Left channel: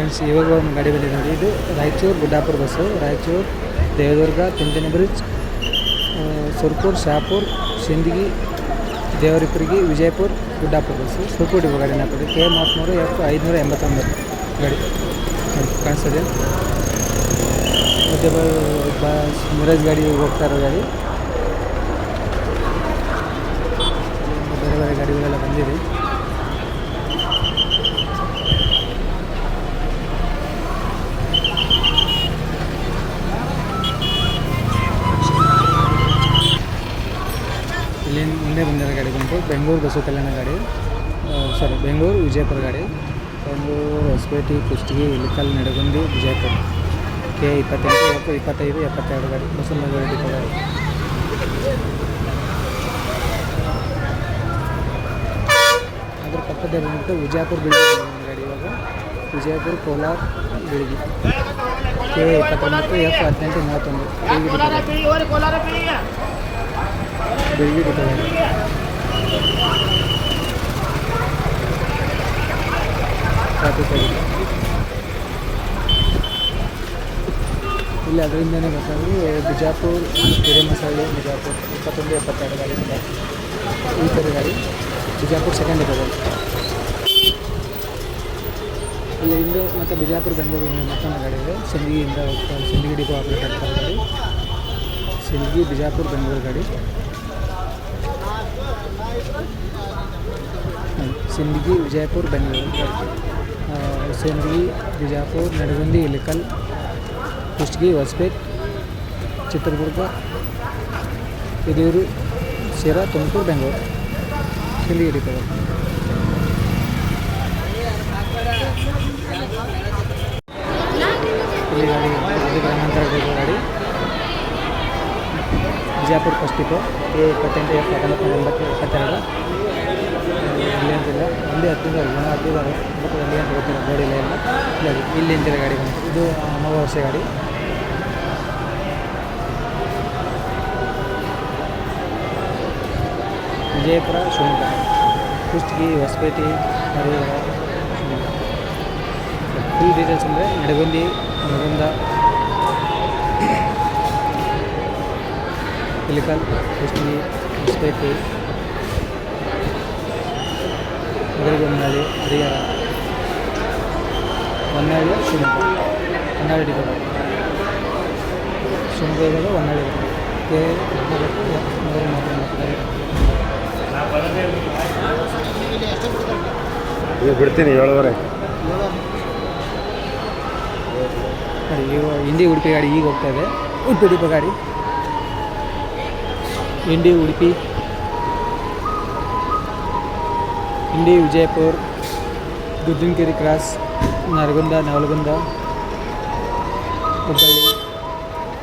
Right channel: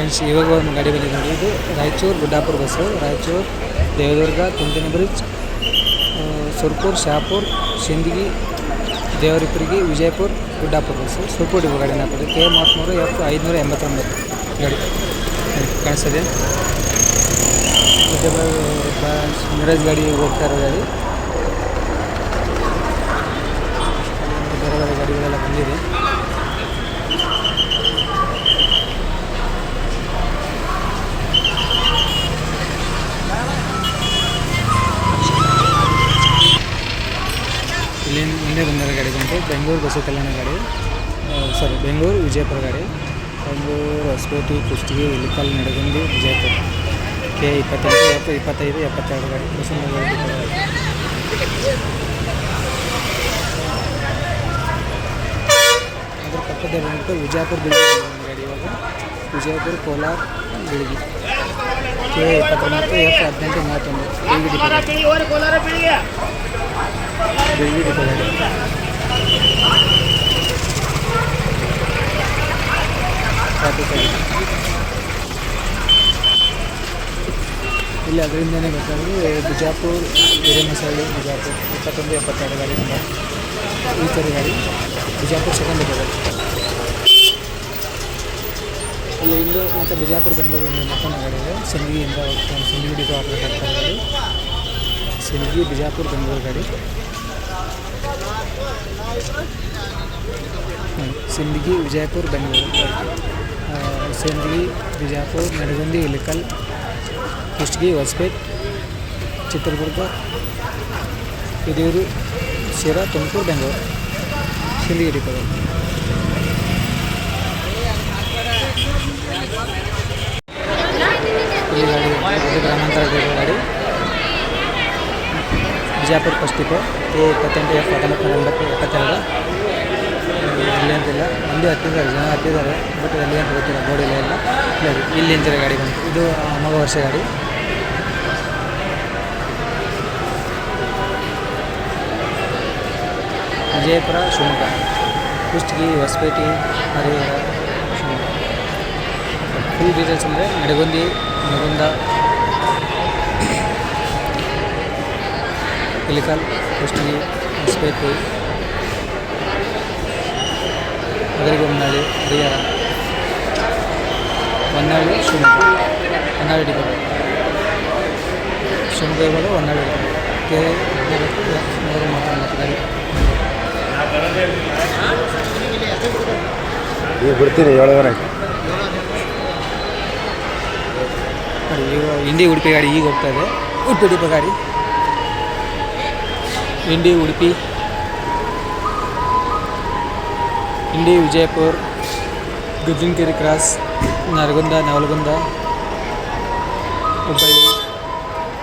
Friends, ಇವಾಗ ಒಂದು ಗಾಡಿ ಬಂದಿದೆ ನೋಡಿ. ಇದು ರಾಯಚೂರು ಗುಡ್ಡಾಪುರ ಬಸ್ಸು. ರಾಯಚೂರು, ದೇವದುರ್ಗ, ತಿಂತಿನಿ ಬ್ರಿಡ್ಜ್, ಸುರ್ಪುರ್, ಶಾಪುರ್, ಸಿಂದಗಿ, ದೇವರಿಪುರಿಗೆ, ವಿಜಯಪುರ, ಗುಡ್ಡಾಪುರ ಬಸ್ಸು. ಸುರ್ಪುರ್ ಡಿಪೋ ಗಾಡಿನ ಕೊಡಿ. K33 F589 ಗಾಡಿ ಕಾಣಿಸ್ತದೆ. ಮತ್ತು ಮಿರಾಜ್ ಗಾಡಿ ಹೋಗ್ತಾ ಇರೋ ಗಾಡಿ. ಬೇರೆ ಬೇರೆ ಗಾಡಿಗಳೆಲ್ಲ ಬಂದಿದೆ. ಇಲ್ಲಿ ಮುಂದೆ ಬಂದಿರೋ ಗಾಡಿ ಬಂದು ಬೆಂಗಳೂರು ಬಸ್ಸು ಕಲ್ಯಾಣ ಗಾಡಿ, ಬೆಂಗಳೂರು ವಿಜಯಪುರ ಗಾಡಿ. ಬೆಂಗಳೂರು ಹೊಸಪೇಟೆ, ಕುಷ್ಟಗಿ, ಇಲಿಕಲ್, ನಡಗುಂದಿ, ವಿಜಯಪುರ. K28 F25 72 ಗಾಡಿ ಬಸ್ಸು ಗಾಡಿ. ಅದ್ರ ಪಕ್ಕದಲ್ಲಿ ಬಂದ್ಬಿಟ್ಟು ವಿಜಯಪುರ ಬಿಳಿಗಿ ಗಾಡಿ. ಇವಾಗ Vijayapura, Kolar, Biligi. K29 F1831 Biligi depot ಗಾಡಿ. ಟ್ರಾಫಿಕ್ ಆಗಿದೆ ಇಲ್ಲಿ. ಅದರಿಂದನೇ ಗೊತ್ತಾಗೋದು ಬಿಜಾಪುರ, ಹಿರೇಮಸಳ್ಳಿ, ಬಿಜಾಪುರ 2172 ಗಾಡಿ ನಂಬರ್. ಈ ಥರ ಗಾಡಿ ಬಿಜಾಪುರ ಸೆಕೆಂಡ್ ಡಿಪೋ ಗಾಡಿ. ಇಲ್ಲಿ ಇಂದು ಮತ್ತು ಬಿಜಾಪುರ, ಬೆಂಗಳೂರು ಮತ್ತೊಂದು ಗಾಡಿ ಇದೆ. ಸಿಂದಗಿಯಿಂದ ಹೋಗ್ತಾ ಸಿಂದಗಿ ಡಿಪೋ ಹಾಕಬೇಕಾಗ್ತದೆ ಗಾಡಿ. ಸಿಂದಗಿ, ಬಿಜಾಪುರ, ಬೆಂಗಳೂರು ಗಾಡಿ. ಸಿಂದಗಿ, ವಿಜಯಪುರ, ಬೆಂಗಳೂರು ಗಾಡಿ. ಸಿಂದಗಿ, ಬಿಜಾಪುರ, ನಡಗುಂದಿ, ಇಲಿಕಲ್, ಕುಷ್ಟಗಿ, ಹೊಸಪೇಟೆ, ಚಿತ್ರದುರ್ಗ, ಹಿರಿಯೂರು, ಶಿರಾ, ತುಮಕೂರು, ಬೆಂಗಳೂರು. ಸಿಂದಗಿ ಡಿಪೋ ಗಾಡಿ. ಈ ಗಾಡಿ ಇದು ಗ್ರಾಮಾಂತರ ಡಿಪೋ ಗಾಡಿ. Bijapur first depot. K28 F1972. ಇಲ್ಲಿ ಅಂತಿಲ್ಲ, ಒಂದೇ ಹತ್ತಿದ್ದಾರೆ, ಜನ ಹತ್ತಿದ್ದಾರೆ, ಬಟ್ ಎಲ್ಲಿ ಅಂತ ಗೊತ್ತಿಲ್ಲ, ಬೋರ್ಡಿಲ್ಲ ಇಲ್ಲ. ಇಲ್ಲಿ ಇಂಜಿನ ಗಾಡಿ ಬಂತು. ಇದು 9 ವರ್ಷ ಗಾಡಿ. ವಿಜಯಪುರ, ಶಿವಮೊಗ್ಗ, ಕುಷ್ಟಗಿ, ಹೊಸಪೇಟೆ, ಹರಿಹರ, ಶಿವಮೊಗ್ಗ. ಫುಲ್ ಡೀಟೇಲ್ಸ್ ಅಂದರೆ ನಡಗುಂದಿ, ನರಗುಂದ, ಇಲಿಕಲ್, ಕುಷ್ಟಗಿ, ಹೊಸಪೇಟೆ, ಮದರಗೊಮ್ಮನಹಳ್ಳಿ, ಹರಿಹರ, ಹೊನ್ನಾಳಿ, ಶಿವಮೊಗ್ಗ. ಹೊನ್ನಾಳಿ ಡಿಪೋ ಗಾಡಿ. ಶಿವಮೊಗ್ಗ ಇವಾಗ ಹೊನ್ನಾಳಿ ಡಿಪೋ. K139 ಗಾಡಿ. ಈಗ ಬಿಡ್ತೀನಿ 7:30. ನೋಡಿ, ಇಂಡಿ ಉಡುಪಿ ಗಾಡಿ ಈಗ ಹೋಗ್ತಾ ಇದೆ. ಉಡುಪಿ ಡಿಪೋ ಗಾಡಿ. ಇಂಡಿ ಉಡುಪಿ, ಇಂಡಿ ವಿಜಯಪುರ, ಗುಜ್ಜಿನಕೆರೆ ಕ್ರಾಸ್, ನರಗುಂದ, ನವಲಗುಂದ, ಹುಬ್ಬಳ್ಳಿ,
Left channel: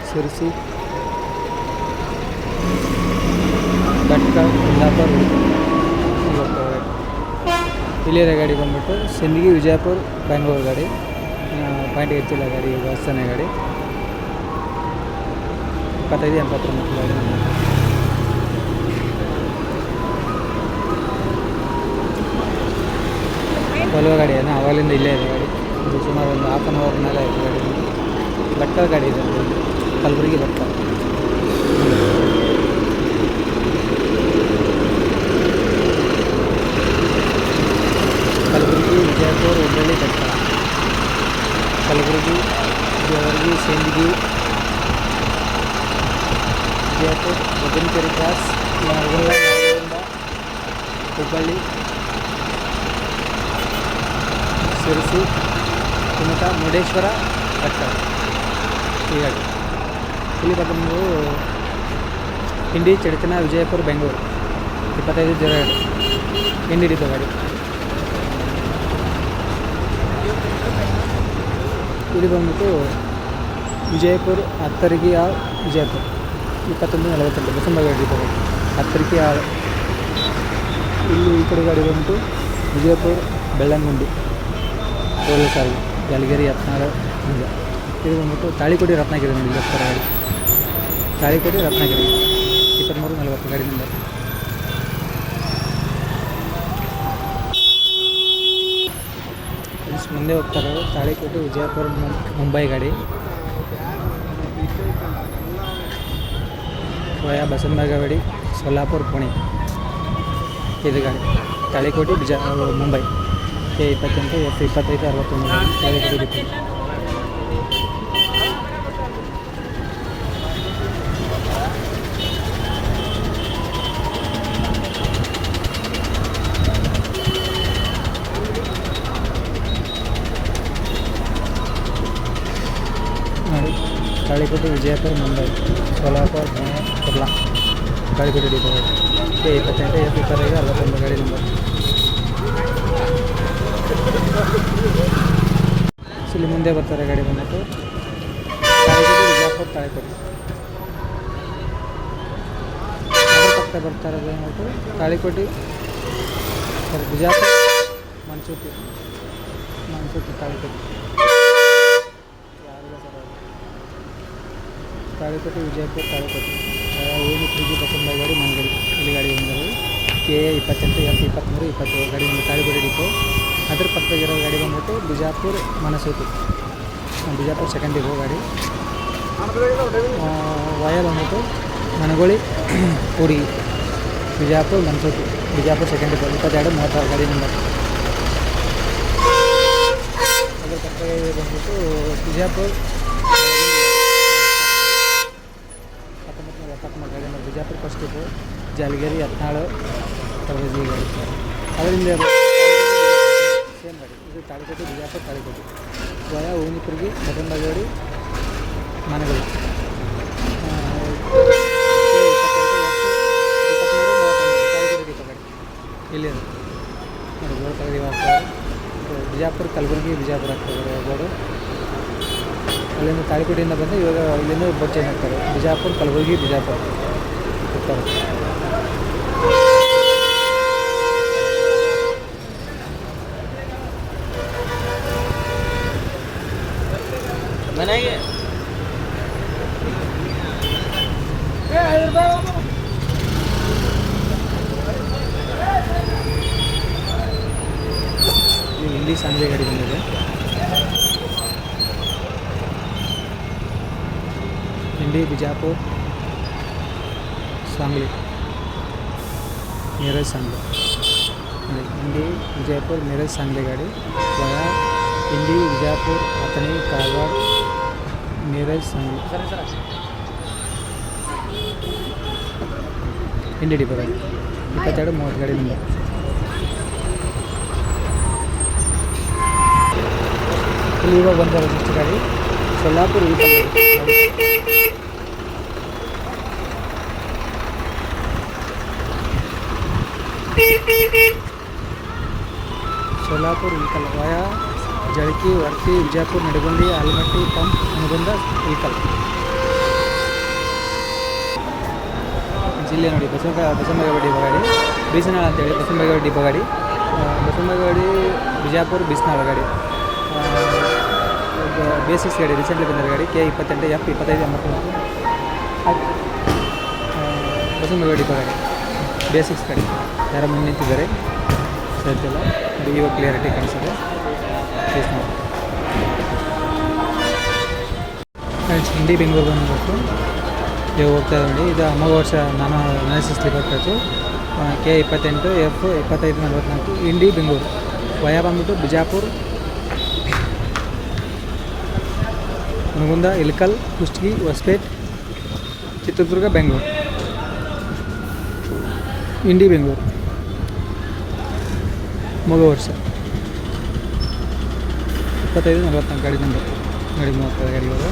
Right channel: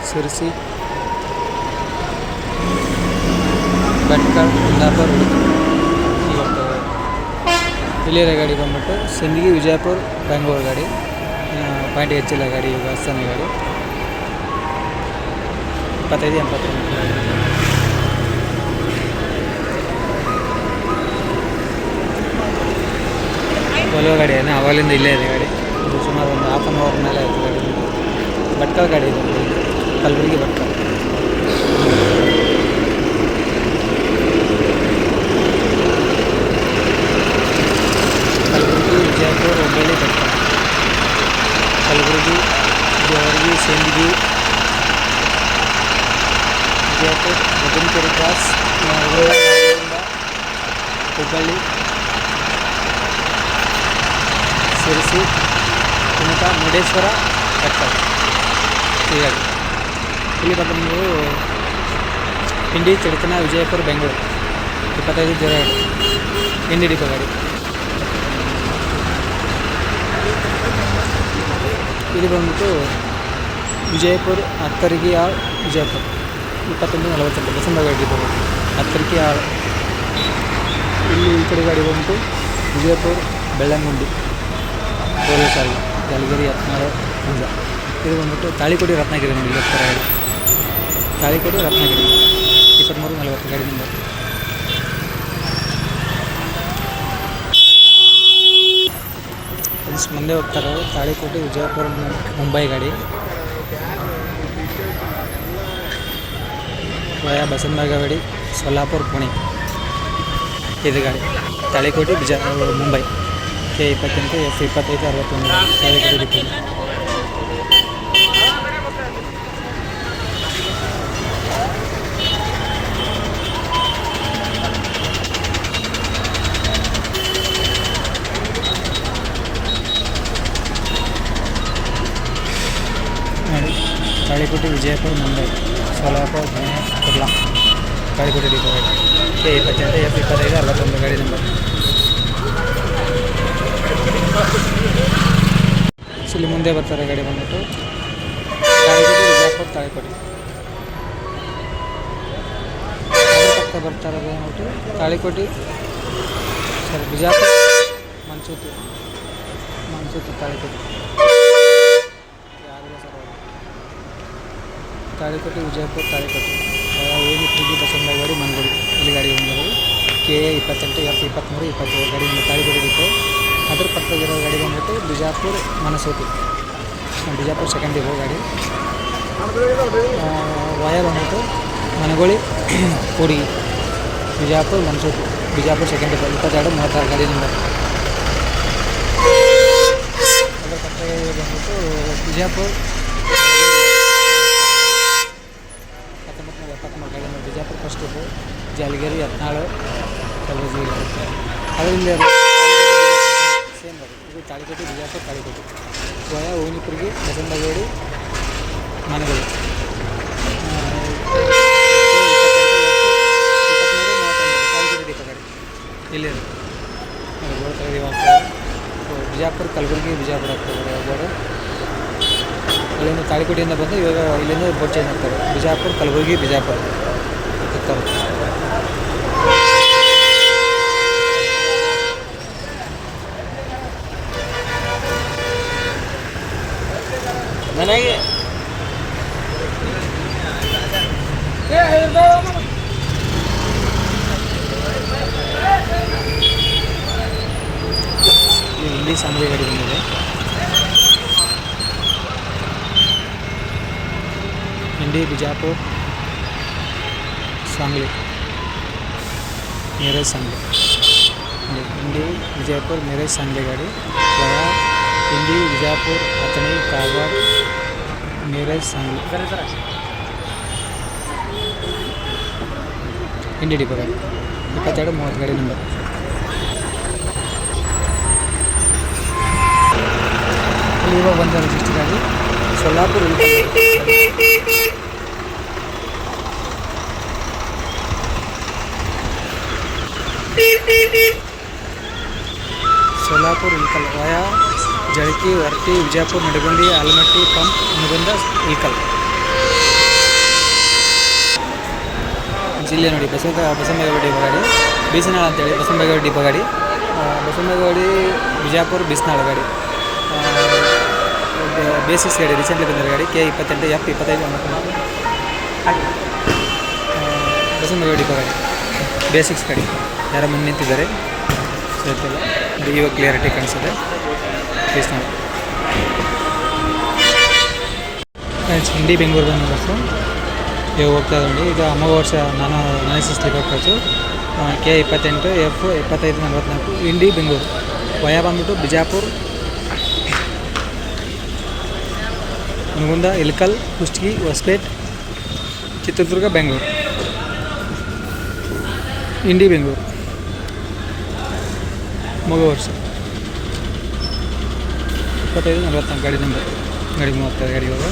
ಶಿರಸಿ, ಭಟ್ಕಳ, ಕುಂದಾಪುರ, ಉಡುಪಿ ಈಗ ಹೋಗ್ತದೆ. ಇಲ್ಲಿಯ ಗಾಡಿ ಬಂದ್ಬಿಟ್ಟು ಸಿಂದಗಿ, ವಿಜಯಪುರ, ಬೆಂಗಳೂರು ಗಾಡಿ. ಪಾಯಿಂಟ್ ಹೆಚ್ಚಿಲ್ಲ ಗಾಡಿ. ಈಗ ಹಸ್ತಾನೆ ಗಾಡಿ 2589 ಗಾಡಿ. ಒಲವ ಗಾಡಿ ಏನ ಅವಾಗಲಿಂದ ಇಲ್ಲೇ ಇದೆ ಗಾಡಿ. ಇದು ಸುಮಾರು ಒಂದು ½ an hour ಮೇಲೆ ಆಯಿತು ಗಾಡಿ. ಭಟ್ಕಳ ಗಾಡಿ ಇದೆ, ಕಲಬುರಗಿ, ಭಟ್ಕಳ. ಕಲಬುರಗಿ, ವಿಜಯಪುರ, ಹುಬ್ಬಳ್ಳಿ, ಭಟ್ಕಳ. ಕಲಬುರಗಿ, ಜೇವರ್ಗಿ, ಸಿಂದಗಿ, ವಿಜಯಪುರ, ಗುಜ್ಜಿನಕೆರೆ ಕ್ರಾಸ್, ನರಗುಂದ, ಹುಬ್ಬಳ್ಳಿ, ಶಿರಸಿ, ಕುಮಟಾ, ಮುರುಡೇಶ್ವರ, ಭಟ್ಕಳ. ಈ ಗಾಡಿ ಇಲ್ಲಿ ಬಂದು ಇಂಡಿ, ಚಡಚಣ, ವಿಜಯಪುರ, ಬೆಂಗಳೂರು 2502 ಇಂಡಿ ಡಿಪೋ ಗಾಡಿ. ಇಲ್ಲಿ ಬಂದ್ಬಿಟ್ಟು ವಿಜಯಪುರ, ಅತ್ತರಿಗೆ ಆಳ್, ವಿಜಯಪುರ 2148 ಬಸಮ್ಮ ಗಾಡಿ ಡಿಪೋ ಗಾಡಿ. ಅತ್ತರಿಗೆ ಆಳ್. ಇಲ್ಲಿ ಈ ಕಡೆ ಗಾಡಿ ಬಂದ್ಬಿಟ್ಟು ವಿಜಯಪುರ, ಬೆಳ್ಳಂಗುಂಡಿ, ರೈಲ್ವೆ ಸಾರಿಗೆ, ಯಾಲಗಿರಿ, ಯತ್ನಾಳ್, ಹುಂಜ. ಇದು ಬಂದ್ಬಿಟ್ಟು ತಾಳಿಕೋಟೆ, ರತ್ನಗಿರಿ ನೋಡಿ. ಇವತ್ತರ ಗಾಡಿ ತಾಳಿಕೋಟೆ, ರತ್ನಗಿರಿ 2340 ಗಾಡಿ ನಂಬರ್. ಫ್ರೆಂಡ್ಸ್ ಮುಂದೆ ಹೋಗ್ತಾರೆ ತಾಳಿಕೋಟೆ ವಿಜಯಪುರ ಮುಂಬೈ ಗಾಡಿ ವಯಾ ಬಸವನಗುಡಿ ಸೊಲ್ಲಾಪುರ ಪುಣೆ ಇದು ಗಾಡಿ Talikote Mumbai K28 F25 61 Talikote depot. ನೋಡಿ ತಾಳಿಕೋಟೆ ವಿಜಯಪುರ ಮುಂಬೈ ಸೋಲಾಪುರ ಪುಣೆ ಕುರ್ಲಾ ತಾಳಿಕೋಟೆ ಡಿಪೋ ಗಾಡಿ K28 F25 61 ಗಾಡಿ ನಂಬರ್. ಇಲ್ಲಿ ಮುಂದೆ ಬರ್ತಾರೆ ಗಾಡಿ ಬಂದ್ಬಿಟ್ಟು ತಾಳಿಕೋಟೆ ವಿಜಯಪುರ ತಾಳಿಕೋಟೆ ಅದ್ರ ಪಕ್ಕ ಬರ್ತಾರೆ ಬಂದ್ಬಿಟ್ಟು ತಾಳಿಕೋಟೆ ಬಿಜಾಪುರ ಮನ್ಸೂತಿ ತಾಳಿಕೋಟೆ ತಾಳಿಕೋಟೆ ವಿಜಯಪುರ ತಾಳಿಕೋಟೆ ಹೋಗಿ ಬಸವನಗುಡಿ ಮನಗುಡಿ ಇಲ್ಲಿ ಗಾಡಿ ಬಂದರು K28 F23 27 ಗಾಡಿ ತಾಳಿಕೋಟೆ ಡಿಪೋ. ಅದ್ರ ಪಕ್ಕದಾಗಿರೋ ಗಾಡಿ ಬಂದ್ಬಿಟ್ಟು ಬಿಜಾಪುರ ಮನಸೂತಿ ಬಿಜಾಪುರ ಸೆಕೆಂಡ್ ಡಿಪೋ ಗಾಡಿ ವಯ ಬಂದ್ಬಿಟ್ಟು ಮನಗೋಳಿ ಕೂಡಿ ಬಿಜಾಪುರ ಮನಸೂತಿ ಬಿಜಾಪುರ ಸೆಕೆಂಡ್ ಡಿಪೋ 2236 ಗಾಡಿ ನಂಬರ್. ಅದ್ರ ಪಕ್ಕದಾಗಿ ಬಂದ್ಬಿಟ್ಟು ಬಿಜಾಪುರ 1973 ಗಾಡಿ ನಂಬರ್ ಬಿಜಾಪುರ ಫಸ್ಟ್ ಡಿಪೋ ಜಾಲಿಗೇರಿ 14 ಅದರಿಂದ ಸೇಮ್ ಗಾಡಿ ಇದು ತಾಳಿಕೋಟೆ ಬಿಜಾಪುರ ತಾಳಿಕೋಟೆ ವಯ ಓನಿಪುರ್ಗಿ ಬಸವನಗುಡಿ ಮನಗೋಳಿ 2332 ತಾಳಿಕೋಟೆ ಡಿಪೋ ಗಾಡಿ ಇಲ್ಲಿ ಬಿಜಾಪುರ ಕಲಬುರಗಿ ಬಿಜಾಪುರ ಆಗ್ತದೆ ಬೋರ್ಡು. ಅಲ್ಲಿಂದ ತಾಳಿಕೋಟೆಯಿಂದ ಬಂದು ಇವಾಗ ಇಲ್ಲಿಂದ ಬೋರ್ಡ್ ಚೇಂಜ್ ಆಗ್ತಾರೆ ಬಿಜಾಪುರ ಕಲಬುರಗಿ ಬಿಜಾಪುರ ಹೋಗ್ತಾರೆ. ನನಗೆ ಇಲ್ಲಿ ಸಾಂಗ್ಲಿ ಗಾಡಿ ಬಂದಿದೆ. ಇಂಡಿ ಬಿಜಾಪುರ ಸಾಂಗ್ಲಿ ಮಿರಜ್ ಸಾಂಗ್ಲಿ ಇಂಡಿ ವಿಜಯಪುರ ಮಿರಜ್ ಸಾಂಗ್ಲಿ ಗಾಡಿ ವಯಾ ಇಂಡಿ ವಿಜಯಪುರ ಅಥಣಿ ಕಾಗವಾಡ ಮಿರಜ್ ಸಾಂಗ್ಲಿ ಇಂಡಿ ಡಿಪೋ ಗಾಡಿ 2230 ಗಾಡಿ ನಂಬರ್. ಇಲ್ಲಿ ಇವಾಗ ಬಂದ ರಿಜಿಸ್ಟರ್ ಗಾಡಿ ಸೊಲ್ಲಾಪುರ ಸೋಲಾಪುರ ಇಲ್ಕಲ್ ವಯಾ ಜಳಕಿ ವರ್ತಿ ವಿಜಯಪುರ ನಡಗುಂದಿ ಆಲಮಟ್ಟಿ ಪಂಪ್ ಹುನಗುಂದ ಇಲ್ಕಲ್ ಜಿಲ್ಲೆ ನೋಡಿ ಬಸವನಗುಡಿ ಡಿಪೋ ಗಾಡಿ ಬೀಸನಾಳ ಅಂತೇಳಿ ಬಸವನಗುಡಿ ಡಿಪೋ ಗಾಡಿ ಬಸವನಗುಡಿ ಬಿಜಾಪುರ ಬೀಸನಾಳ ಗಾಡಿ ಬೇಸಿಕ್ಸ್ ಗಾಡಿ ರೀಸೆಂಟ್ಲಿ ಬಂದಿರೋ ಗಾಡಿ K28 F25 ಬಸವನಗುಡಿ ಡಿಪೋ ಗಾಡಿ ಬೇಸಿಕ್ಸ್ ಗಾಡಿ ಯಾರೋ ಮುಂದೆ ನಿಂತಿದ್ದಾರೆ ಸರಿಯಲ್ಲ ಇವಾಗ ಕ್ಲಿಯರಿಟಿ ಕಾಣಿಸುತ್ತೆ ಪ್ಲೀಸ್ ನಾವು ಫ್ರೆಂಡ್ಸ್ ಇಂಡಿ ಬೆಂಗಳೂರು ಬಂದು ಬಸ್ಸು ಇವಾಗ ಹೋಗ್ತಾ ನೋಡಿ ಇದು ಅಮೋಘ ವರ್ಷ ನಾನು ಸ್ಲೀಪರ್ ಕೋಚು K28 F25 ಇಂಡಿ ಬೆಂಗಳೂರು ವಯಾ ಬಂದ್ಬಿಟ್ಟು ಬಿಜಾಪುರ ಹುನಗುಂದ ಇಲ್ಕಲ್ ಕುಷ್ಟಗಿ ಹೊಸಪೇಟೆ ಚಿತ್ರದುರ್ಗ ಬೆಂಗಳೂರು ಇಂಡಿ ಬೆಂಗಳೂರು ಮಗು ವರ್ಷ 25 44 ಗಾಡಿ ನಂಬರ್ ಗಾಡಿ ಹೋಗ್ತಾರೆ ಗಾಡಿ ಇವಾಗ